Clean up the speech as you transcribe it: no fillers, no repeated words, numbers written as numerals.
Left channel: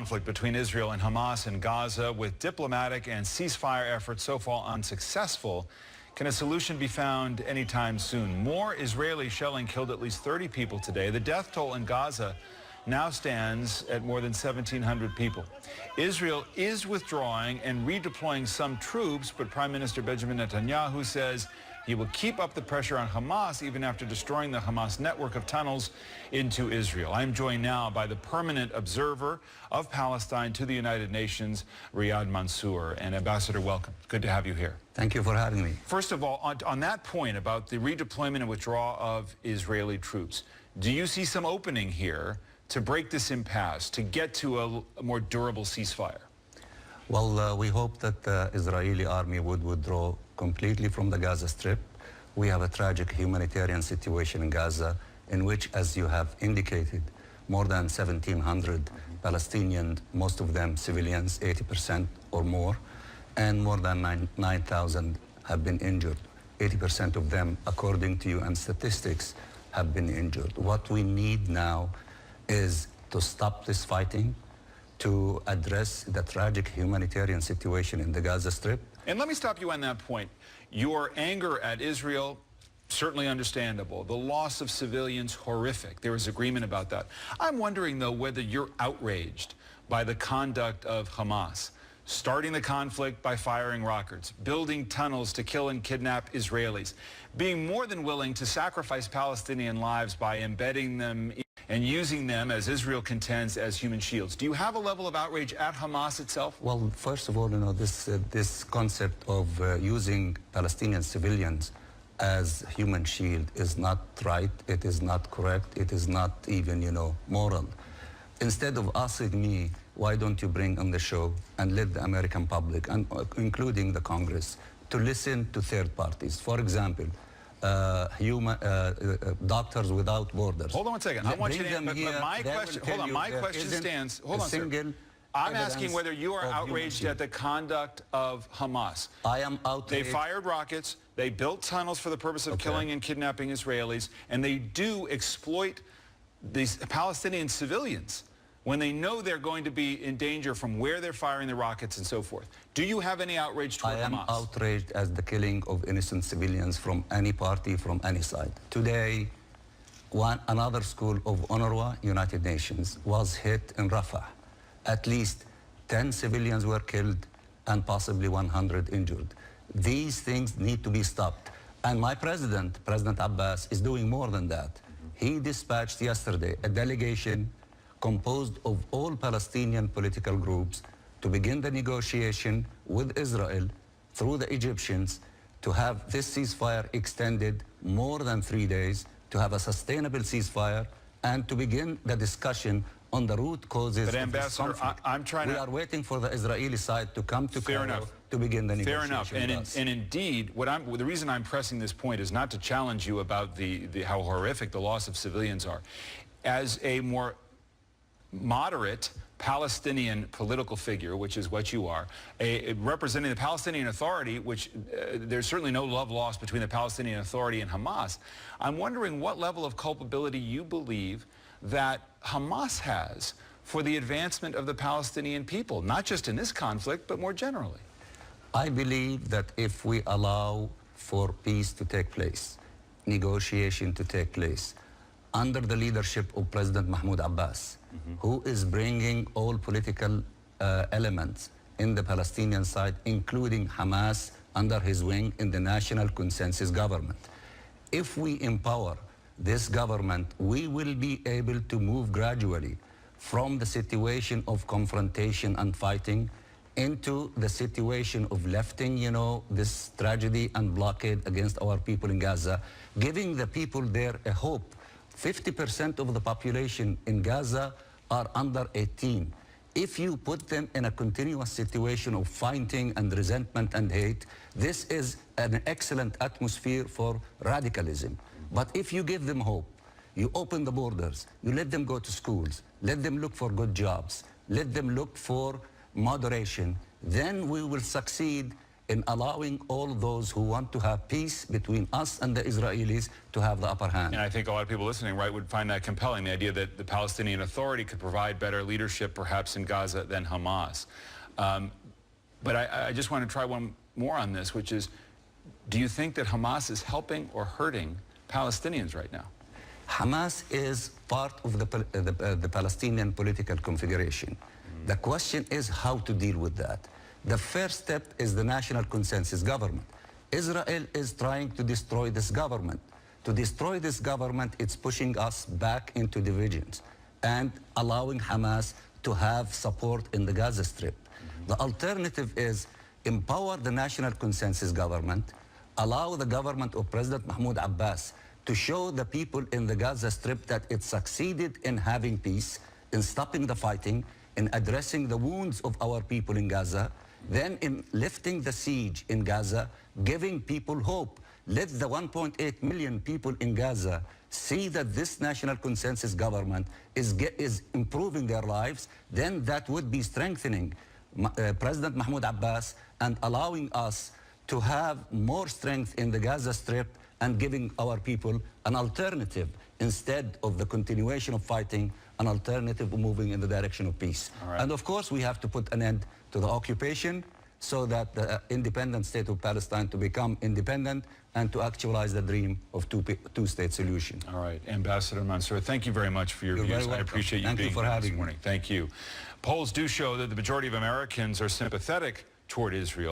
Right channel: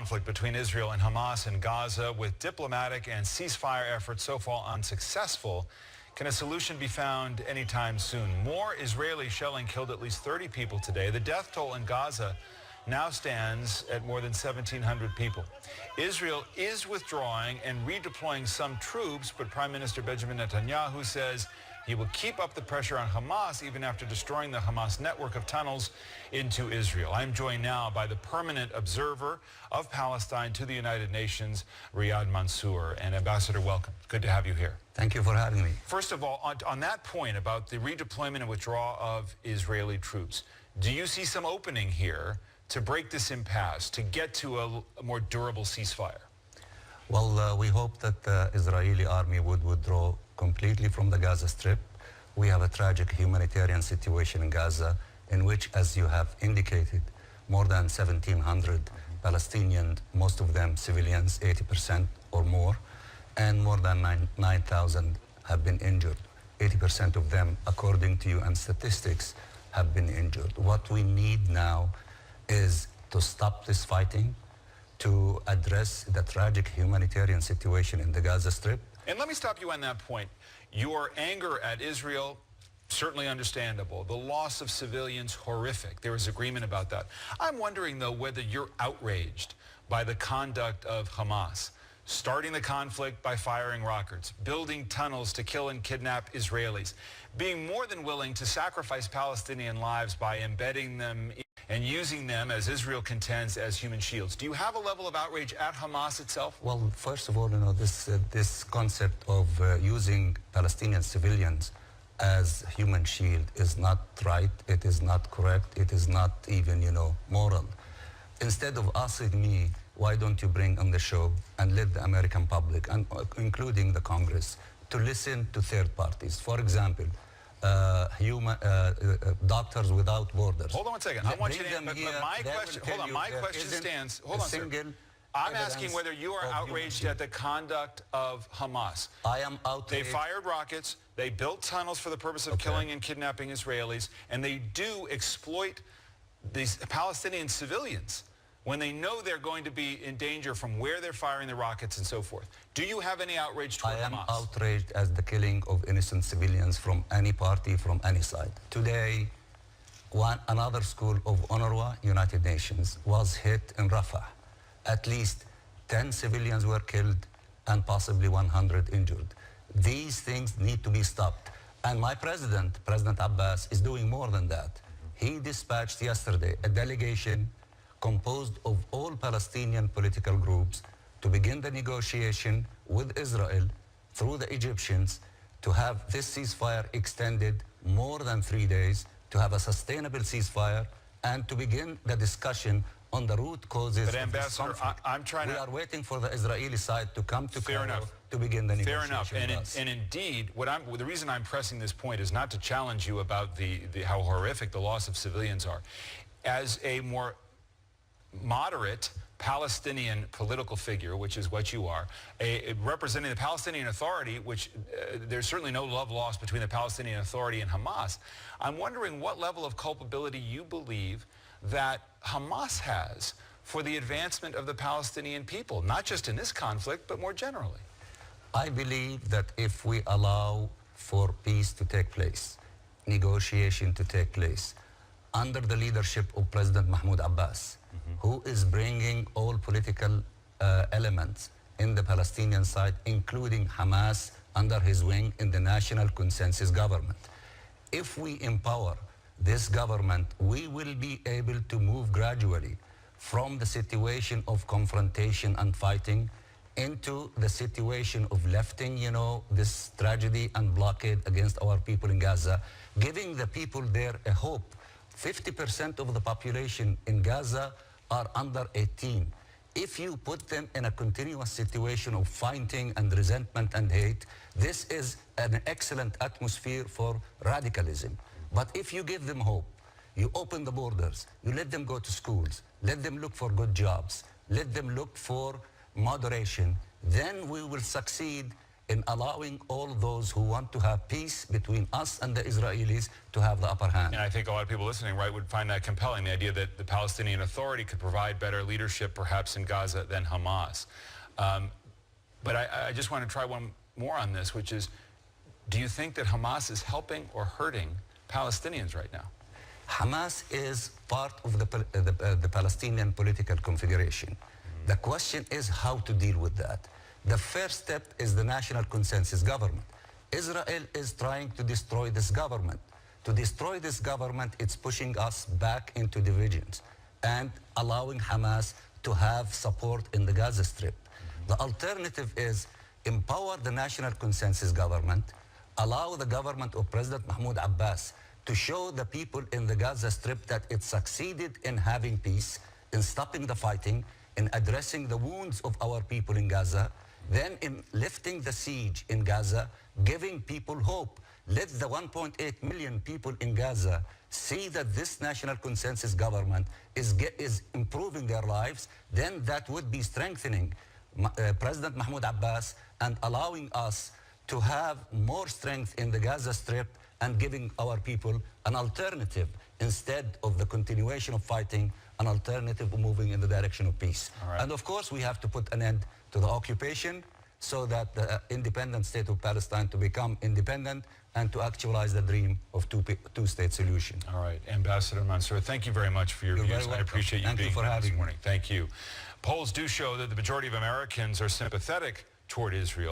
Conflict between Israel and Hamas in Gaza, with diplomatic and ceasefire efforts so far unsuccessful. Can a solution be found anytime soon? More Israeli shelling killed at least 30 people today. The death toll in Gaza now stands at more than 1,700 people. Israel is withdrawing and redeploying some troops, but Prime Minister Benjamin Netanyahu says he will keep up the pressure on Hamas even after destroying the Hamas network of tunnels into Israel. I'm joined now by the permanent observer of Palestine to the United Nations, Riyad Mansour. And Ambassador, welcome. Good to have you here. Thank you for having me. First of all, on that point about the redeployment and withdrawal of Israeli troops, do you see some opening here to break this impasse, to get to a more durable ceasefire? Well, we hope that the Israeli army would withdraw completely from the Gaza Strip. We have a tragic humanitarian situation in Gaza in which, as you have indicated, more than 1,700 Palestinians, most of them civilians, 80% or more, and more than 9,000 have been injured. 80% of them, according to UN statistics, have been injured. What we need now is to stop this fighting, to address the tragic humanitarian situation in the Gaza Strip. And let me stop you on that point. Your anger at Israel, certainly understandable. The loss of civilians, horrific. There is agreement about that. I'm wondering, though, whether you're outraged by the conduct of Hamas, starting the conflict by firing rockets, building tunnels to kill and kidnap Israelis, being more than willing to sacrifice Palestinian lives by embedding them and using them, as Israel contends, as human shields. Do you have a level of outrage at Hamas itself? Well, first of all, this concept of using Palestinian civilians as human shield is not right. It is not correct. It is not even, moral. Instead of asking me, why don't you bring on the show and let the American public, and including the Congress, to listen to third parties? For example, Doctors Without Borders. Hold on one second. I want you to, but my question, hold on, my question stands. Hold on, sir. I'm asking whether you are outraged at the conduct of Hamas. I am outraged. They fired rockets, they built tunnels for the purpose of killing and kidnapping Israelis, and they do exploit these Palestinian civilians when they know they're going to be in danger from where they're firing the rockets and so forth. Do you have any outrage toward Hamas? I am outraged as the killing of innocent civilians from any party, from any side. Today, another school of UNRWA, United Nations, was hit in Rafah. At least 10 civilians were killed and possibly 100 injured. These things need to be stopped. And my President Abbas, is doing more than that. He dispatched yesterday a delegation composed of all Palestinian political groups to begin the negotiation with Israel through the Egyptians to have this ceasefire extended more than 3 days, to have a sustainable ceasefire, and to begin the discussion on the root causes of this conflict. We are waiting for the Israeli side to come to Cairo to begin the negotiation. Fair enough. And indeed, the reason I'm pressing this point is not to challenge you about how horrific the loss of civilians are. As a more moderate Palestinian political figure, which is what you are, representing the Palestinian Authority, which there's certainly no love lost between the Palestinian Authority and Hamas. I'm wondering what level of culpability you believe that Hamas has for the advancement of the Palestinian people, not just in this conflict, but more generally. I believe that if we allow for peace to take place, negotiation to take place, under the leadership of President Mahmoud Abbas, who is bringing all political elements in the Palestinian side, including Hamas, under his wing in the national consensus government. If we empower this government, we will be able to move gradually from the situation of confrontation and fighting into the situation of lifting, this tragedy and blockade against our people in Gaza, giving the people there a hope. 50% of the population in Gaza are under 18. If you put them in a continuous situation of fighting and resentment and hate, this is an excellent atmosphere for radicalism. But if you give them hope, you open the borders, you let them go to schools, let them look for good jobs, let them look for moderation, then we will succeed in allowing all those who want to have peace between us and the Israelis to have the upper hand. And I think a lot of people listening, right, would find that compelling, the idea that the Palestinian Authority could provide better leadership perhaps in Gaza than Hamas. But I just want to try one more on this, which is, do you think that Hamas is helping or hurting Palestinians right now? Hamas is part of the Palestinian political configuration. The question is how to deal with that. The first step is the national consensus government. Israel is trying to destroy this government. To destroy this government, it's pushing us back into divisions and allowing Hamas to have support in the Gaza Strip. The alternative is empower the national consensus government, allow the government of President Mahmoud Abbas to show the people in the Gaza Strip that it succeeded in having peace, in stopping the fighting, in addressing the wounds of our people in Gaza, then in lifting the siege in Gaza, giving people hope. Let the 1.8 million people in Gaza see that this national consensus government is improving their lives, then that would be strengthening President Mahmoud Abbas and allowing us to have more strength in the Gaza Strip and giving our people an alternative instead of the continuation of fighting, an alternative of moving in the direction of peace. Right. And of course, we have to put an end to the occupation so that the independent state of Palestine to become independent and to actualize the dream of two-state solution. All right. Ambassador Mansour, thank you very much for your views. I appreciate you being here this morning. Thank you. Polls do show that the majority of Americans are sympathetic toward Israel.